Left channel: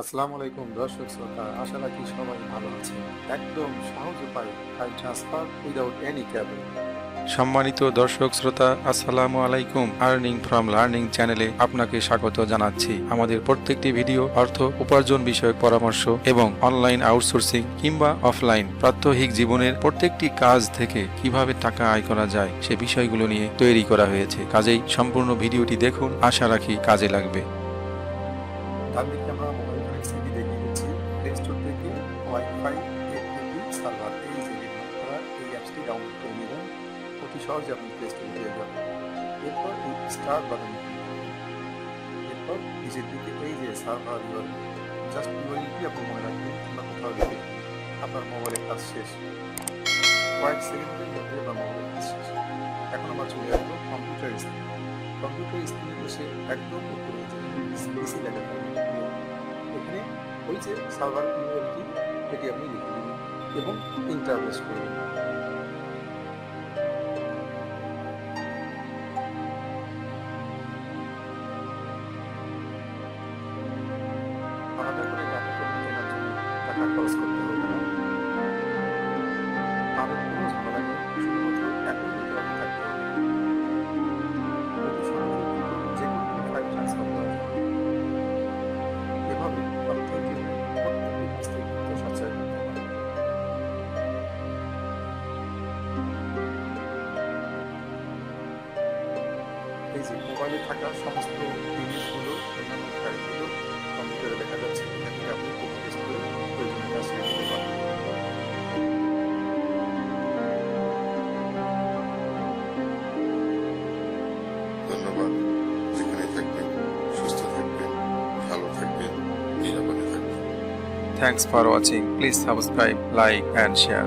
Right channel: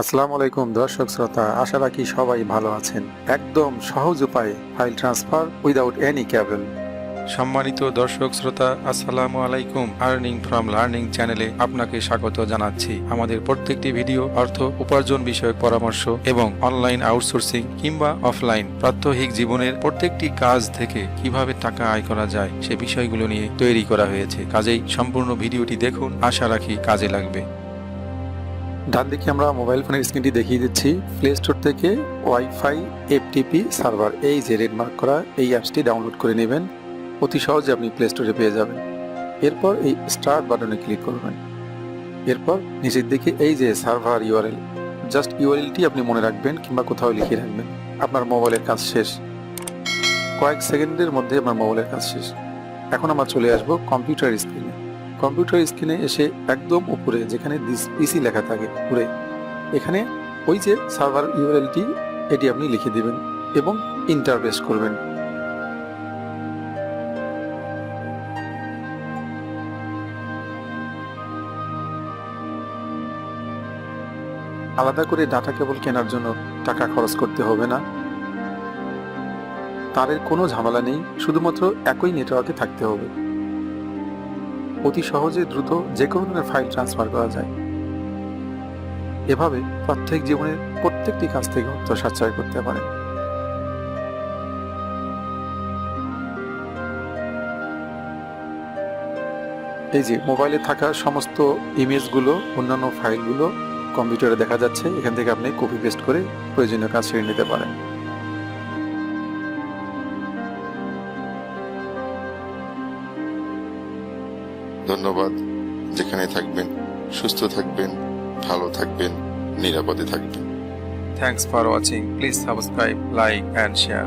আসসালামু আলাইকুম, দর্শক শ্রোতা। আশা রাখি সবাই ভালো আছেন। একদম সহজ উপায়ে file transfer without any cable. সম্মানিত দর্শক শ্রোতা, আসসালামু আলাইকুম। আর্নিং ফ্রম লার্নিং চ্যানেলে আপনাকে স্বাগত জানাচ্ছি। আমাদের প্রত্যেকটি ভিডিও অর্থ, উপার্জন বিষয়ক পরামর্শ এবং অনলাইন আউটসোর্সিং কিংবা অফলাইন প্রাত্যহিক জীবনের প্রত্যেকটি কাজ থেকে কীভাবে টাকা আয় করা যায়, সে বিষয়গুলো নিয়ে তৈরি করা হয়েছে। কাজেই সম্পূর্ণ ভিডিওটি দেখুন। আশা রাখি কাজে লাগবে। ডান দিকে আমরা মোবাইল ফোনের স্ক্রিনটি দেখিয়ে দিচ্ছি। প্লে স্টোর থেকে ওয়াইফাই এফটিপি সার্ভার এই যে রেড মার্ক করা এই অ্যাপসটি ডাউনলোড করে নেবেন। অতি সহজে আপনি প্লে স্টোরে পেয়ে যাবেন। এরপর এই স্টার্ট বাটনে ক্লিক করবেন। এরপর নিচের দিকে এই যে সার্ভার ইউআরএল জাস্ট ইউআরএলটি আপনি মনে রাখবেন কিংবা কোথাও লিখে রাখবেন। আপনার মোবাইলের কাজ শেষ। কয়েক সেকেন্ডের মধ্যে আপনার মোবাইলের কাজ শেষ। এখন আমরা চলে আসব কম্পিউটার স্ক্রিনে কম্পিউটার স্ক্রিনে এসে একদম উপরে যেখানে পিসি লেখা থাকে, উপরে, এখানে ওই যে সার্ভার ইউআরএলটি, এটি আপনি লিখে দিবেন এবং ইন্টারভেস করবেন। আলাদা করে ডাটা কেবল কেনার জন্য টাকা খরচ করতে হবে না। তারের কোনো ঝামেলা নেই, শুধুমাত্র একই নেটওয়ার্কে থাকতে হবে। অতি সহজে দ্রুত যে কোনো ধরনের ফাইল ট্রান্সফার করা যায়। এভাবে প্রত্যেক জীবনের প্রত্যেকটি কাজ থেকে অর্থ সাশ্রয় করতে পারে। এই যে মোবাইলে থাকা সমস্ত ইমেজগুলো, অন্যান্য ফাইলগুলো কম্পিউটারে দেখা যাচ্ছে, এখান থেকে আপনি কপি পেস্ট করে প্রয়োজনীয় কাজ সেরে নিতে পারেন। ধন্যবাদ। যেখানে থাকবেন, সুস্থ থাকবেন, ভালো থাকবেন, নিরাপদে থাকবেন। Thanks for watching please subscribe like and share